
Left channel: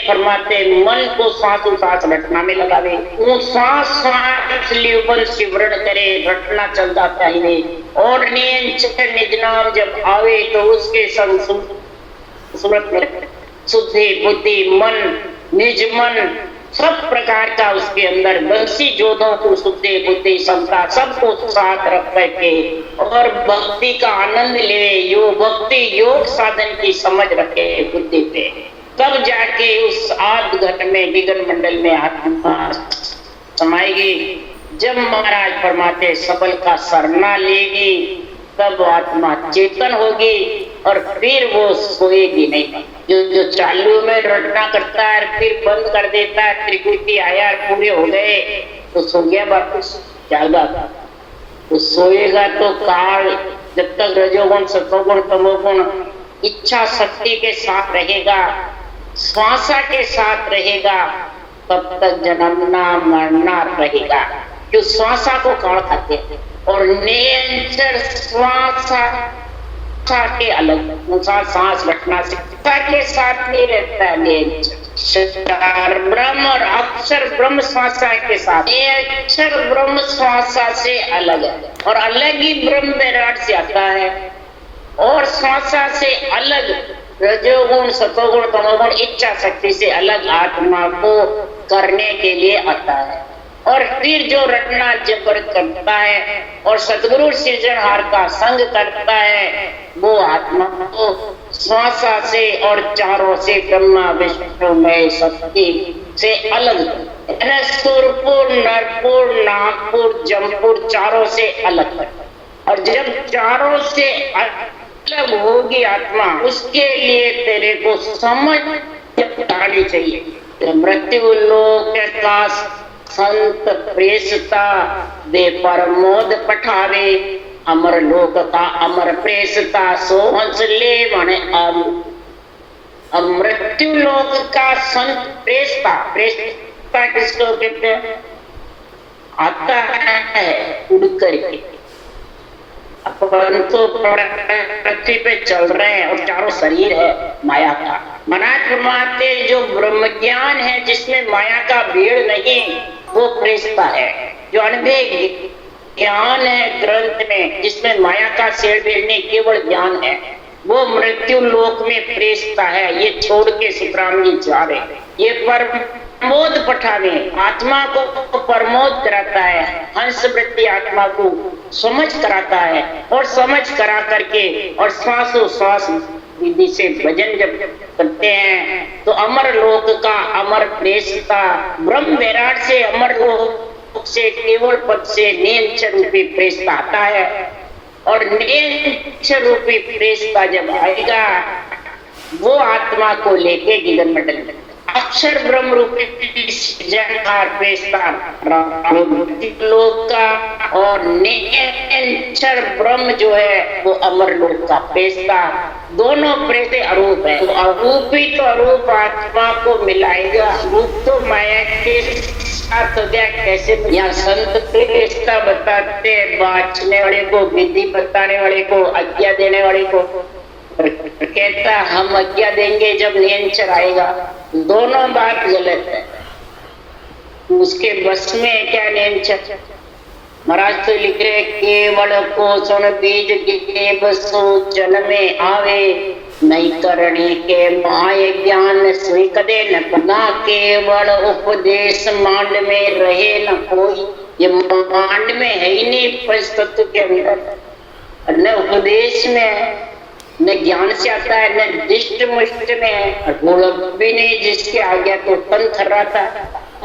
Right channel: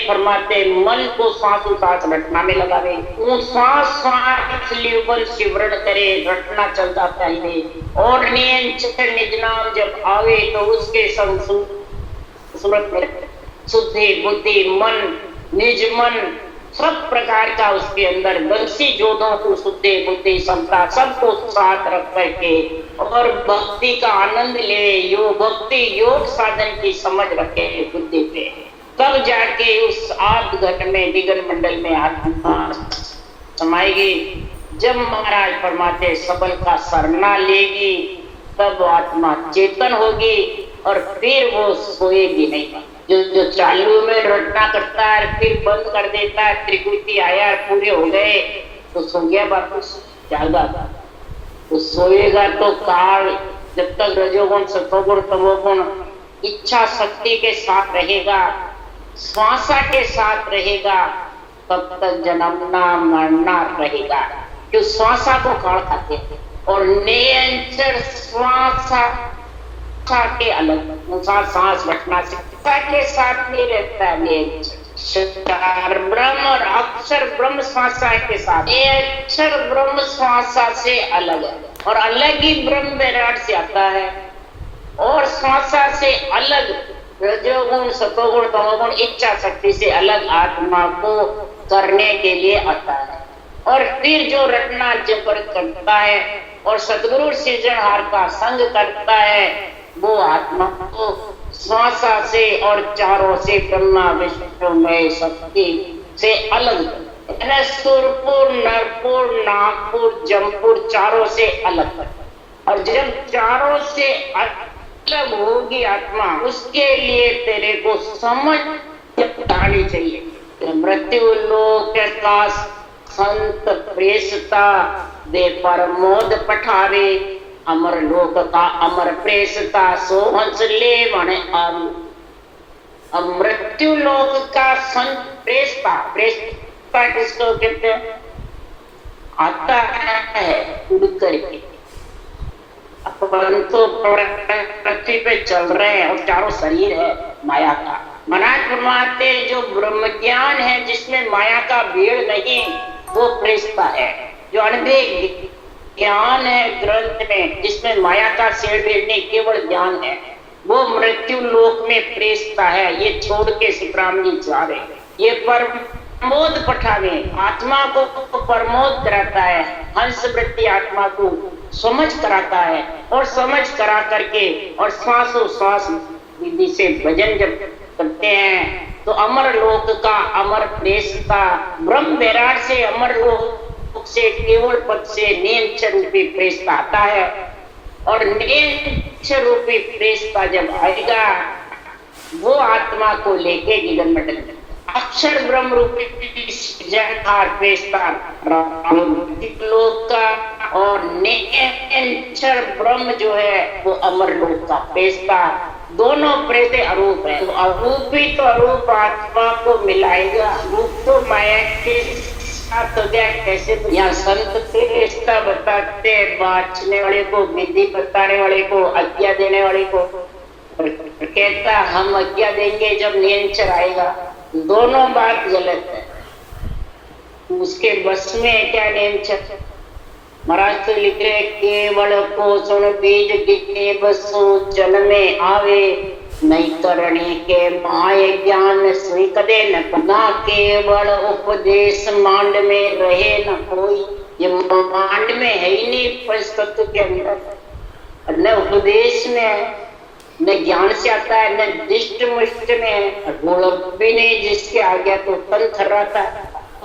फरमाते मन को सांसों सांस रटना में लगावे, सांस सांस लियोबन सिमरण करे, रटना चलता चाहिए। और नियंत्रण निज नाम जब आवे तो उसके संग सूरत में शुद्धि बुद्धि मन निज मन सब प्रकार का उसके अंदर बंसी जोधों को शुद्धि बुद्धि समता सबको साथ रख करके और भक्ति का आनंद ले, योग भक्ति योग साधन की समझ रखे बुद्धि पे, तब जाके उस आद घट में विघ्न मंडल में आत्मा समाएगी। जब महाराज फरमाते सबल का सरना लेगी तब आत्मा चेतन होगी और फिर वो सोएगी नहीं। जो चालू में रटना करता है फिर बंद कर देता है, त्रिकुटी आया पूरे हो गए तो सो गया, वापस जागा। तो सोएगा तो काल जब तक रजोगुण सतोगुण तमोगुण इच्छा शक्ति के साथ रहेगा, श्वासा के साथ रहेगा, तब तक जन्मना मरना रहेगा। जो श्वासा को काल खाते हैं और नियंत्रण श्वासा के अलग सांस रखना शिक्षा के साथ नहीं रहता है। ब्रह्म और अक्षर ब्रह्म श्वासा के साथ, ये अक्षर ब्रह्म श्वासा से अलग है और अलग ही ब्रह्म विराट से आता है और श्वासा से अलग रजोगुण सतोगुण तमोगुण इच्छा शक्ति से अलग आत्मा को करने के लिए आता है। और फिर जो रटना जबर करता है और सतगुरु सृजनहार का संग करता है वो आत्मा को श्वासा से और चारों से ब्रह्मा विष्णु मय शक्ति से अलग, सुरपुर नरपुर नागपुर जमपुर चारों से अलग। और जब चारों से अलग होगी आत्मा उसके लिए तेरे को समझ आनी चाहिए। मृत्यु लोक का संत प्रेसता दे परमोद पठावे, अमर लोक का अमर प्रेसता सो हंस ले मन आम। अब मृत्यु लोक का संत प्रेसता, प्रेसता किसको कहते हैं? आता है उड़ करके, अपन तो पृथ्वी पे चल रहे हैं और चारों शरीर है माया का। महाराज फरमाते जो ब्रह्म ज्ञान है जिसमें माया का भीड़ नहीं वो प्रेसता है, जो अनभे ज्ञान है ग्रंथ में, जिसमें माया का शेर नहीं, केवल ज्ञान है, वो मृत्यु लोक में प्रेषता है। ये छोड़ के सुखराम जी जा रहे, ये प्रमोद पठावे, आत्मा को प्रमोद कराता है, हंस वृत्ति आत्मा को समझ कराता है, और समझ करा करके और श्वासों श्वास विधि से भजन जब करते हैं तो अमर लोक का अमर प्रेषता ब्रह्म विराट से अमर लोक से केवल पद से निरंतर रूपी प्रेषता आता है। और निरंतर रूपी प्रेषता जब आएगा वो आत्मा को लेके गगन मंडल में अक्षर ब्रह्म रूपी सृजनहार प्रेषता लोक का, और निरंतर ब्रह्म जो है वो अमर लोक का प्रेषता, दोनों प्रेते अरूप है। तो अरूपी तो अरूप आत्मा को मिलाएगा, रूप तो माया के साथ हो गया। कैसे? यहाँ संत प्रेषता बताते हैं, बाँचने वाले को, विधि बताने वाले को, आज्ञा देने वाले को। कहता हम आज्ञा देंगे जब निरंतर आएगा। दोनों बात गलत है, उसके बस में क्या निरंतर। महाराज तो लिख रहे केवल को सुन बीज के बसो जन्मे आवे, नहीं करणी के माय ज्ञान सुई कदे न केवल उपदेश मांड में रहे न कोई। ये मांड में है ही नहीं, परिस्तत्व के अंदर न उपदेश में है, न ज्ञान से आता है, न दिष्ट मुष्ट में है, भी नहीं जिसके आगे तो तन थर्राता,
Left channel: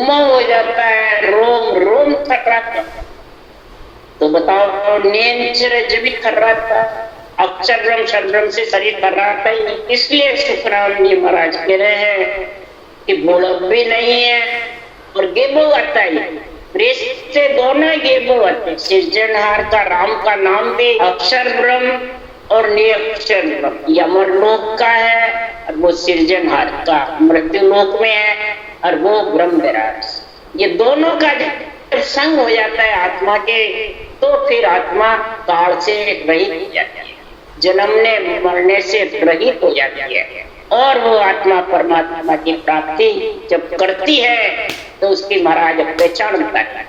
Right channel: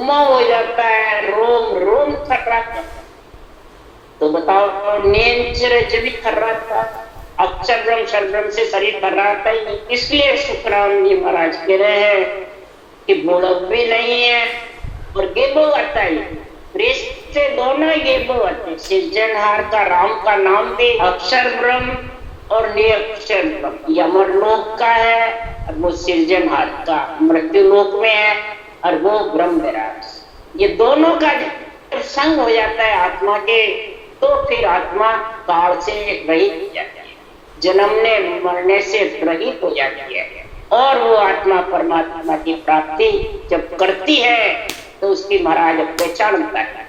मोह हो जाता है, रोम रोम थर्राता। तो बताओ निरंतर जब भी थर्राता, अक्षर ब्रह्म शब्द से शरीर थर्राता ही नहीं। इसलिए सुखराम जी महाराज कह रहे हैं कि भोलक भी नहीं है और गेबो आता ही, प्रेस से दोनों गेबो आते। सृजनहार का राम का नाम भी अक्षर ब्रह्म और निरक्षर ब्रह्म, यमर लोक का है और वो सृजनहार का मृत्यु लोक में है, और वो ब्रह्म विराट। ये दोनों का जब संग हो जाता है आत्मा के, तो फिर आत्मा काल से रहित हो जाती है, जन्मने मरने से रहित हो जाती है, और वो आत्मा परमात्मा की प्राप्ति जब करती है तो उसकी महाराज पहचान होता है।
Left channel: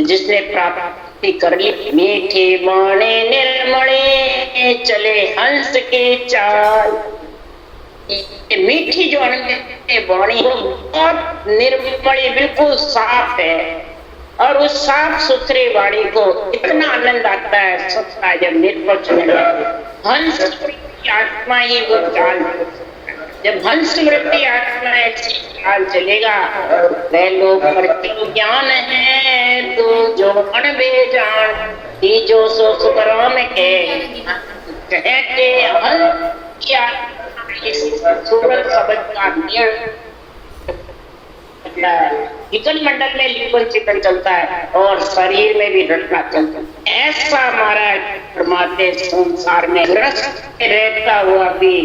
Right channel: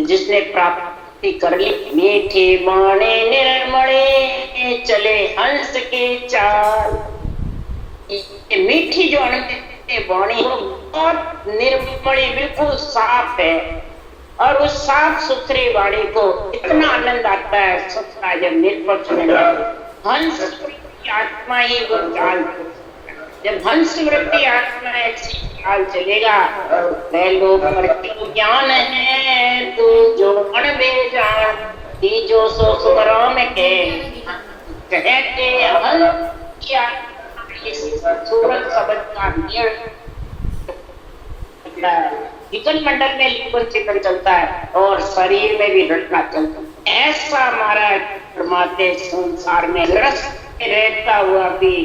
जिसने प्राप्ति कर ली, मीठी वाणी निर्मले चले हंस की चाल। मीठी जो वाणी बहुत निर्मली, बिल्कुल साफ है, और उस साफ सुथरी वाणी को इतना आनंद आता है सुनता है जब निर्पक्ष हंस वृत्ति आत्मा ही वो चाल। जब हंस वृत्ति आत्मा ऐसी चाल चलेगा, वह लोग मृत्यु ज्ञान है तू जो अनबेजान, जो सो सुखराम के कहते हंस सूरत शब्द का चिकन मंडल में लिखन चिकन चलता है और शरीर में भी रटना चलता है। ऐसा हमारा परमात्मा संसार में रस रहता हुआ भी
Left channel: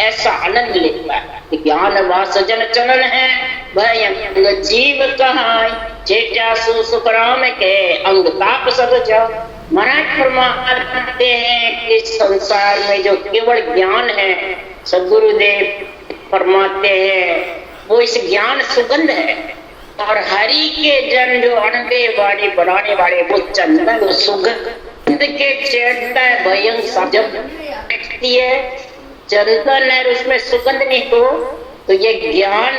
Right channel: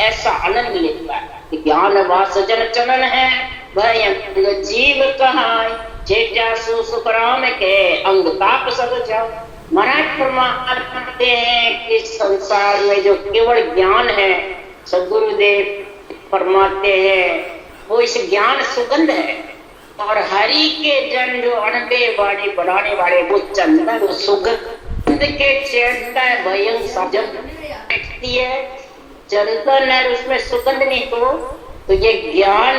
ऐसा आनंद लेता है। ज्ञान वासजन चलन है भय जीव कहाय, जेटा सुखराम के अंग ताप सब जाओ। महाराज फरमाते हैं कि संसार में जो केवल ज्ञान है, सदगुरुदेव फरमाते हैं वो इस ज्ञान सुगंध है, और हरि के जन जो अनबे वाणी बनाने वाले वो चंदन सुगंध के चढ़ता है। भयं जब बैठती है चंदन है, उसमें सुगंध नहीं तो ये ज्ञान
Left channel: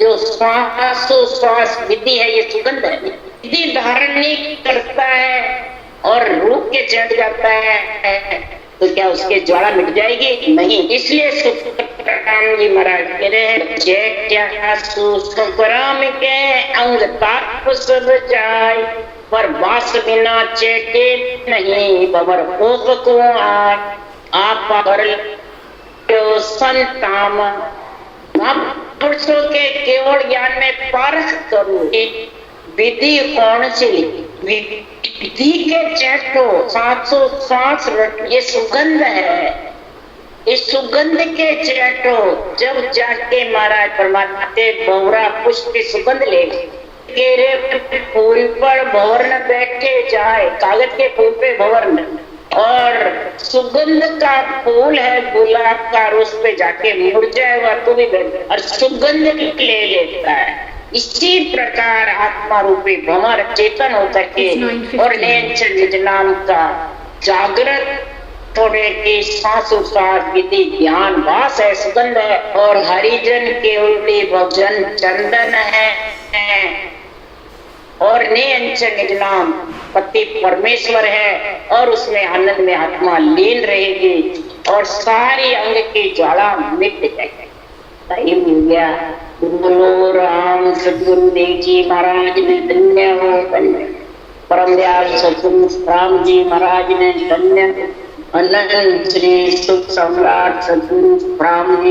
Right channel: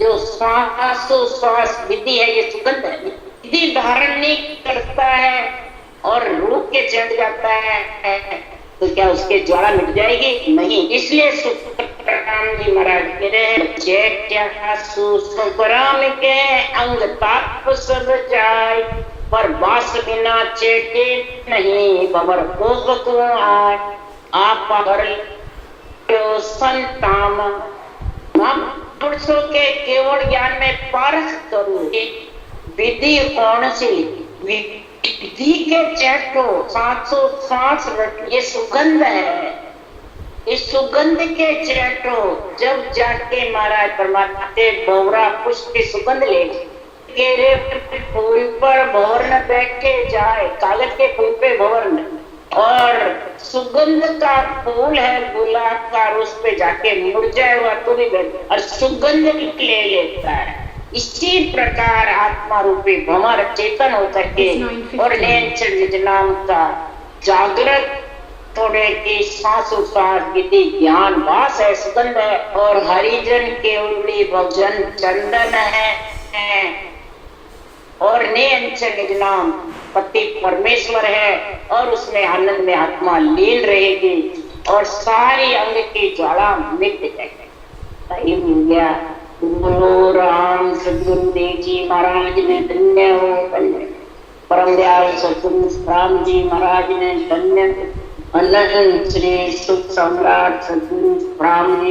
जो श्वास विधि है, ये सुगंध है। विधि धारण नहीं करता है और रूप के चढ़ जाता है तो क्या उसके ज्वाला मिट जाएगी? नहीं। इसलिए सुखराम जी महाराज कह रहे हैं, जेठ्या सुखराम के अंग ताप सब जाय, पर वास बिना चेटे नहीं बबर कोप को आय। आप कर संताम पुरुषों के केवल ज्ञान में पारख करो। विधि कौन सी? विधि के चैटो 700 ये सुगंध है। इस सुगंध के चैटो जब जाके महाराज परमात्मा के बोरा पुष्प की सुगंध ले, केरे फूल पर भंवर न बैठे जाए, कागज के फूल पे भंवर न, और सुगंध का फूल है गुलाब का, उस पे जाके मुड़ जाएगा तो भी और सुगंध ले लेता है। इसी प्रकार आत्मा रूपी भंवर चेतन होकर के और निज नाम का जागृत थोड़े की सांसोसास विधि ज्ञान वास है, सुगंध है, और हरिजन के उल्टी भजन चंदन है, और निज नाम पति परमेश्वर है, और उसमें आनंद में आत्मा लीन रहेगी और सारी अंग की ज्वाला मिट जाएगी। सही मिल गया। बोलो राम सद्गुरु देव जी महाराज ने धन्य हो, धन्य परम दयाल सद्गुरु राम जी महाराज ने धन्य, अनंत श्री सुख सम्राट सद्गुरु राम जी